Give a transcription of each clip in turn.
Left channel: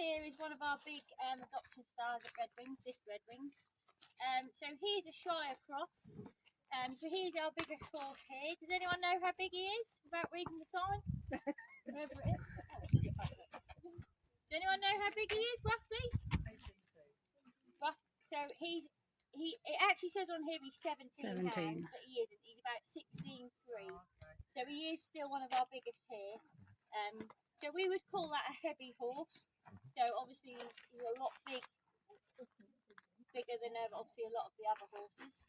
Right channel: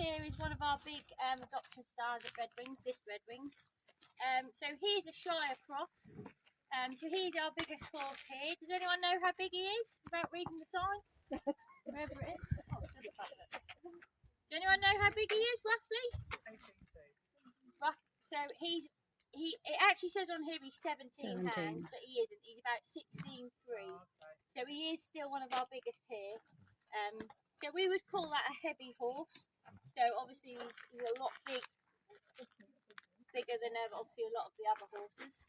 here is one of our big adoption stars at Redwings, this Redwings. So he's a Shire cross. So he's our biggest horse here. Does anyone know how big he is without reading the sign? Wherever it is. Does anyone know how big he is roughly? 18.2. So it actually says on here he's 17 pounds, but he isn't. He's about 16.3. So he is still one of our biggest here. So we would call that a heavy horse. So obviously he's a lot bigger than obviously a lot of the other horses.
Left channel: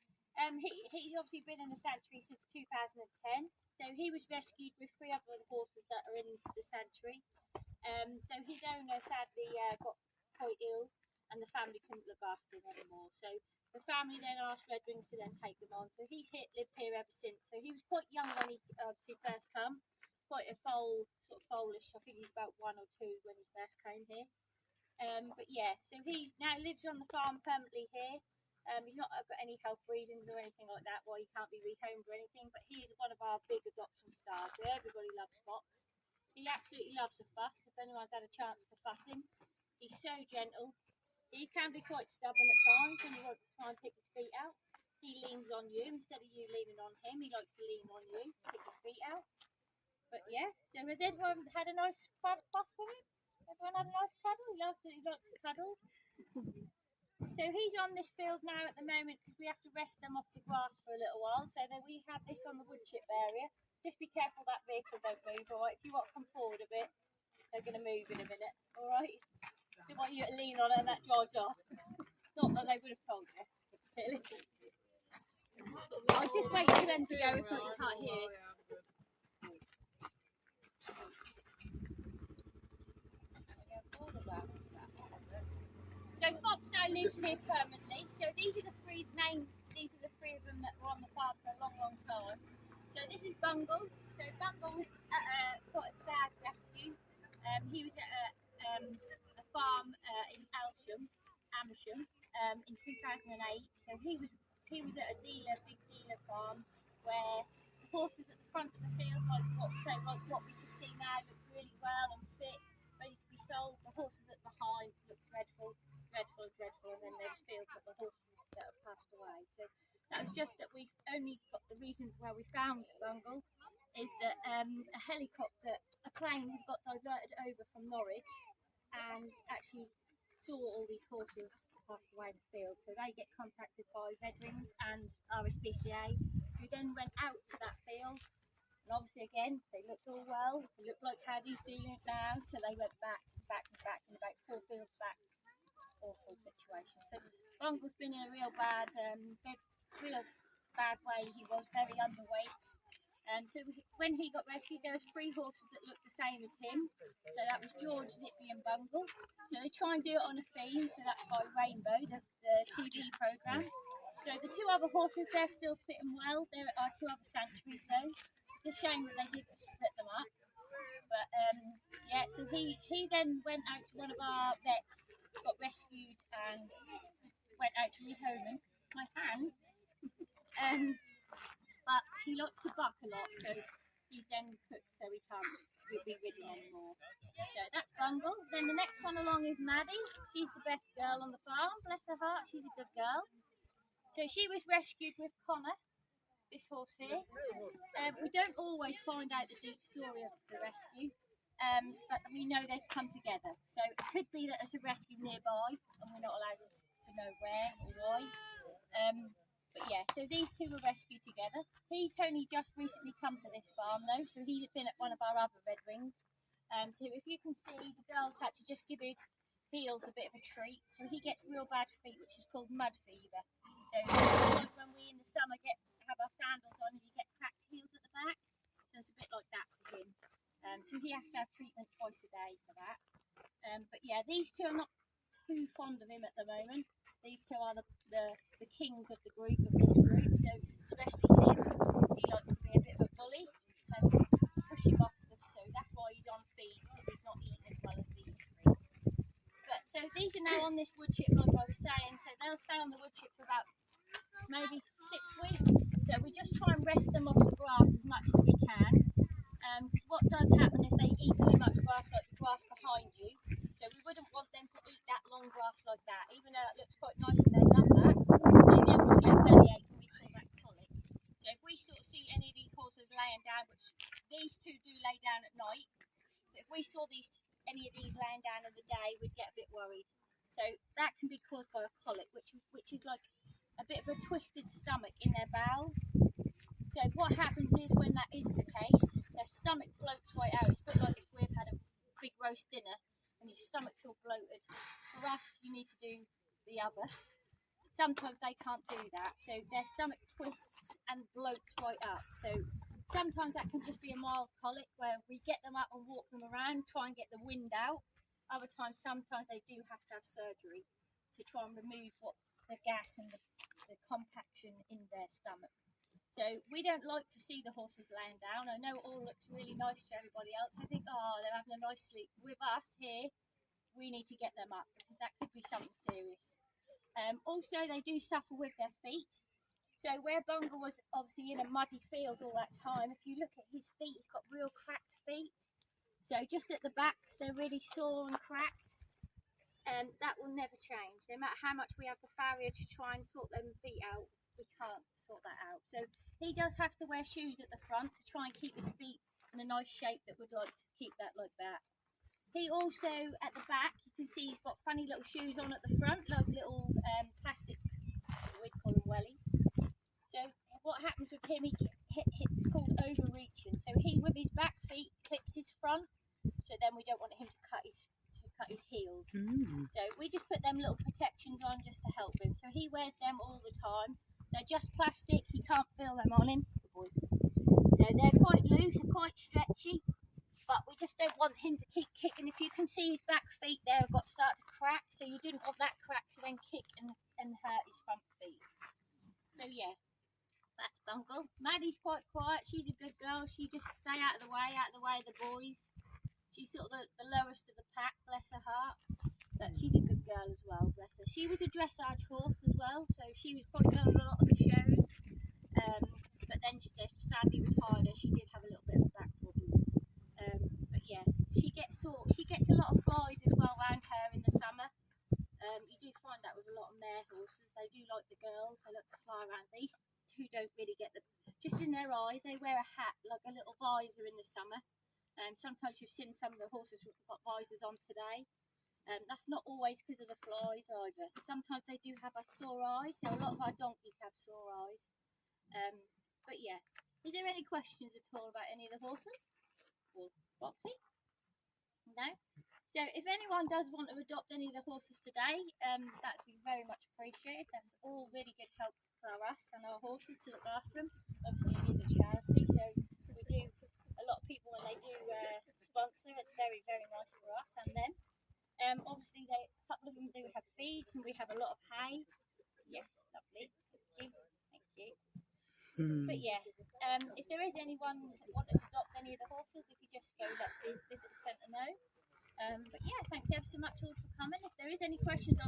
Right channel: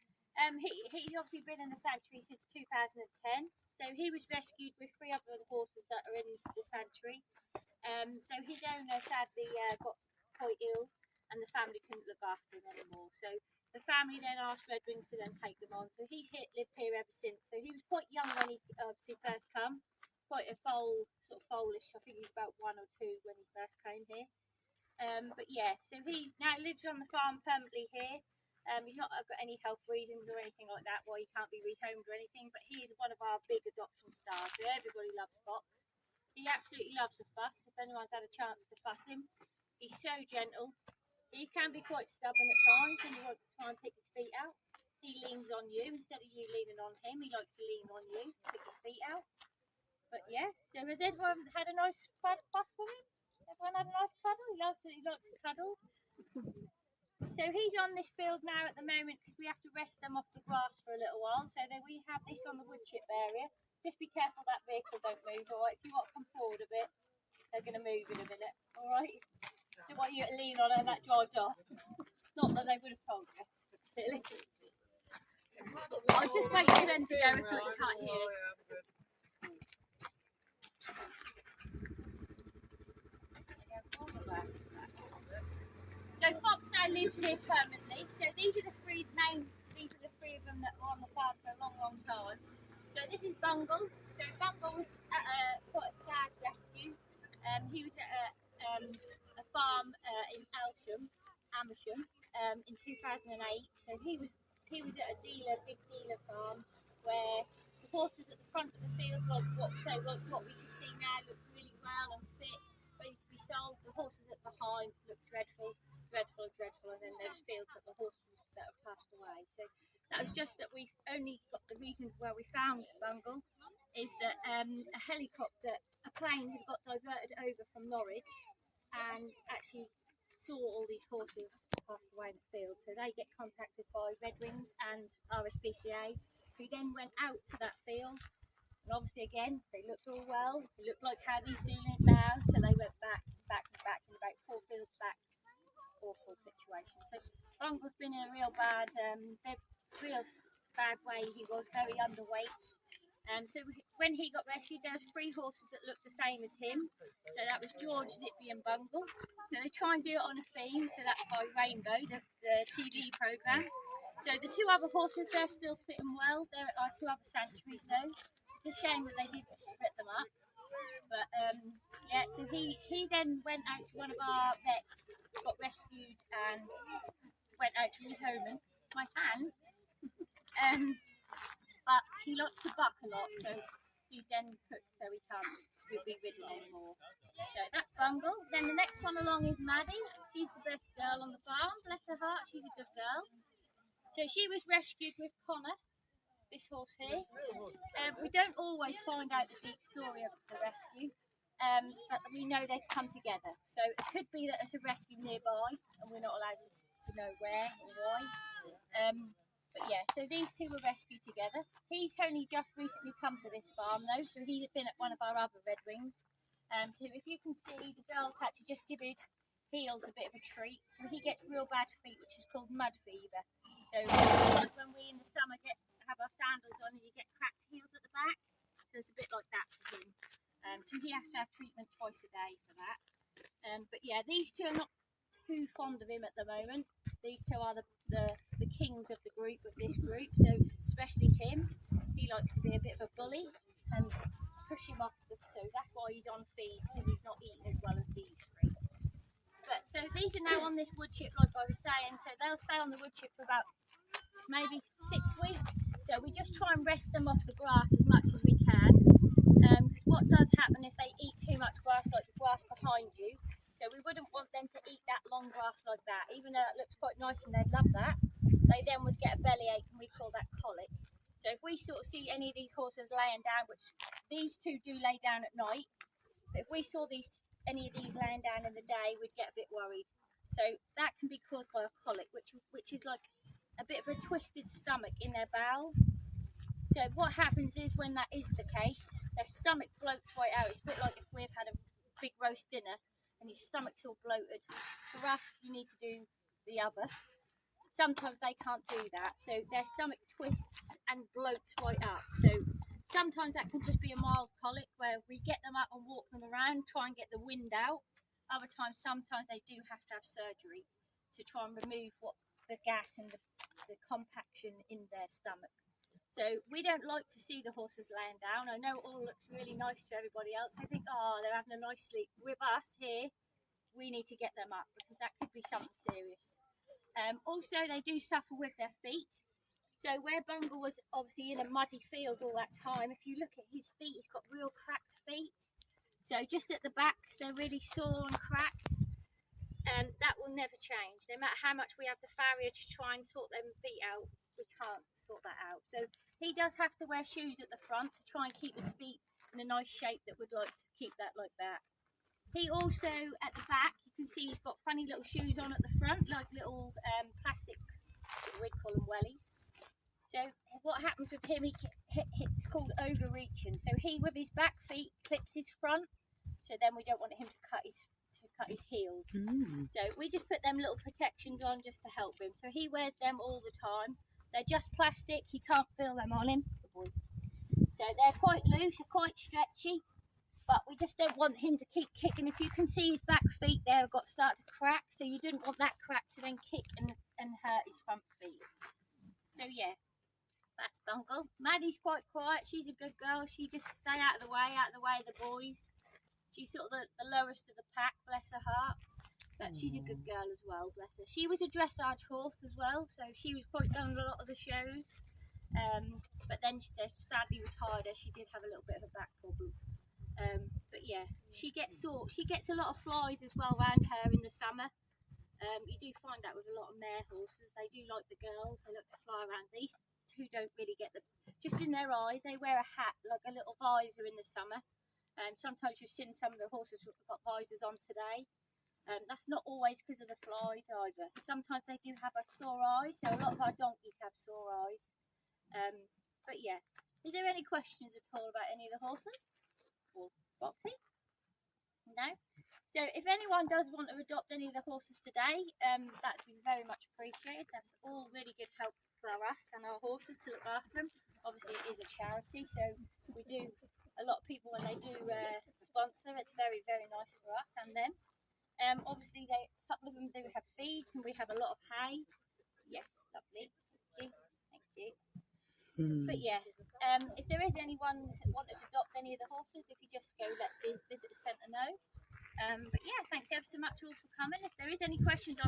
He's obviously been in the sanctuary since 2010. So he was rescued with 3 other horses that are in the sanctuary. So his owner sadly got quite ill, and the family couldn't look after him anymore. So the family then asked Redwings to then take them on. So he's lived here ever since. So he was quite young when he obviously first come, quite a sort of foalish. I think he's about 1 or 2 when he first came here. But yeah, so he now lives on the farm permanently here. He's not got any health reasons or anything like that why he can't be rehomed or anything, but he is one of our big adoption stars. So everybody loves Fox. He absolutely loves a fuss. If anyone's had a chance to fuss him, he's so gentle. He can be quite stubborn at times when you want to try and pick his feet out. He leans on you instead of you leaning on him. He likes to lean on you to pick his feet out. But yeah, so has everyone had a nice fuss with him? Everyone had a nice cuddle? He likes to cuddle. So he's on this field now at the moment because we have to rest them off the grass for a little while. So then we have this on the wood chip area. Just be careful that vehicle don't move, alright? If you want to come forward a bit, they're going to move in a minute, alright? Don't want you to lean on it and that drives off. Not that they would have told you, really. I'll just wait for them to go if not you can't hear. So Fox now lives here permanently. So these are the 3 of them that were on the farm for a long, long time. So this is Bungle. So Bungle was quite a sad rescue. He was at a farm in Amersham, in 2008. So he was at a big dealer farm where the horses at the front of the fields, like what we can see now, looked really well and fit, ready to be sold. The horses at behind looked dreadful, and then there's fields of the horses that have passed away. So that was just that we've only got the reason where we found Bungle is that a plane had got diverted over from Norwich and actually saw all these horses passed away in the field. So they get contacted by Redwings and RSPCA, who then went out to that field. And obviously, again, they looked all well. They looked like how these do look now. So they went back, and about 4 fields back. Awful situation. So Bungle's been in a real bad way. He was very underweight. So when he got rescued, there were 3 horses that looked the same as him. So that was George, Zippy and Bungle. So they try and do it on a theme. So that's by Rainbow, the TV programme. So the 2 other horses, they're still fit and well. They're at our 2 other sanctuaries though. It's a shame that they did split them up. But yeah, so he then went out to one of our vets, got rescued and went out to rehome him. My hand. But he likes to buck a lot, so he's then cooked so he can't be ridden anymore. So that's Bungle. Then the next one along is Maddie. She's the best girl on the farm, bless her heart, she's a good girl. So she was rescued with Connor, this horse here. We don't always find out the deep story of the rescue, but we know they've come together. So it could be that there's a rescue nearby and we're not allowed to know where or why. But yeah, so these 2 were rescued together. He's only just recently come to this farm though, so he's been at one of our other Redwings. So if you can see, the girls had to just give his heels a bit of a treat. So he gets real bad feet, which is called mud fever. So it's like when we in the summer have our sandals on and you get cracked heels at the back. So it's a bit like that for him. So he has to have treatment twice a day for that. But yeah, these 2 are not too fond of him at the moment. These 2 are the kings of the group, of this group, so especially him. He likes to be a bit of a bully and push him off. So that's why he's on feeds, because he's not eating as well as these 3. But so these are now on this wood chip, like I was saying, so they'll stay on the wood chip for about maybe 6 weeks. So we just try and rest them off the grass as much as we can, because what does happen if they eat too much grass, like the grass behind you, so we wouldn't want grass like that, even though it looks quite nice and they love that, they then would get a bellyache, and we call that colic. So if we sort of see any of these horses laying down, which these two do lay down at night, but if we saw any of these laying down in the day, we'd get a bit worried. So that can be caused by a colic, which is like a bit of a twisted stomach in their bowel. So what happens is, when that is the case, their stomach bloats right out. It's a bit like if we've had a big roast dinner and your stomach's all bloated. For us, you need to do the other. Sometimes they can't do that, so their stomach twists and bloats right up. So sometimes that can just be a mild colic, where we get them up and walk them around, try and get the wind out. Other times, sometimes they do have to have surgery to try and remove the gas and the compaction in their stomach. So we don't like to see the horses laying down. I know it all looks really nice to everybody else. They think, oh, they're having a nice sleep. With us here, we need to get them up, because that could be something serious. Also, they do suffer with their feet. So where Bungle was obviously in a muddy field all that time, if you look at his feet, he's got real cracked feet. So just at the backs, they're really sore and cracked. And that will never change. No matter how much we have the farrier to try and sort them feet out, we can't sort that out. So he does have to wear shoes at the front to try and keep his feet in a nice shape that would like to keep that like that. He also, at the back, you can see he's got funny little shoes on at the front, like little plastic, we'd call them wellies. So what happens with him, it's called overreaching. So he, with his back feet, clips his front, so then we don't want him to cut his heels. So we just put them little protections on just to help him. So he wears them all the time. They're just plastic, he can't feel them on him. So they're quite loose and quite stretchy, but we just don't want him to keep kicking. If you can see his back feet there have got started to crack, so you didn't want that crack to then kick and hurt his front feet. So yeah, that's Bungle. Maddie's quite quiet, she's a good girl. She just stay out of the way of the boys. She's sort of the lowest of the pack, bless her heart. But she's a good girl as well, bless her. She was a dressage horse as well, so she was quite good on a lot of the shows. But then they sadly retired her. She did have a little bit of a back problem. But yeah, she gets a lot of flies as well around her in the summer. You do find that with a lot of mare horses. They do like the girls. They like to fly around. These two don't really get just in their eyes. They wear a hat, like a little visor in the summer. Sometimes you've seen some of the horses who've got visors on today. That's not always because of the flies either. Sometimes they do have a sore eye, so a lot of our donkeys have sore eyes. But yeah, is there any questions at all about any of the horses? Or Foxy? No? So if anyone does want to adopt any of the horses today, that would be very much appreciated. That's all really good help for us and our horses to look after them. Obviously it is a charity, so we do, a lot of people when they do sponsor, it's very, very nice for us and them. Obviously a couple of them do have feeds, and we have a lot of hay. Yes, lovely. Thank you. But yeah, if there is anyone who wants to adopt any of the horses, if you just go let the visit centre know. But yeah, thanks ever so much all for coming. If there is any questions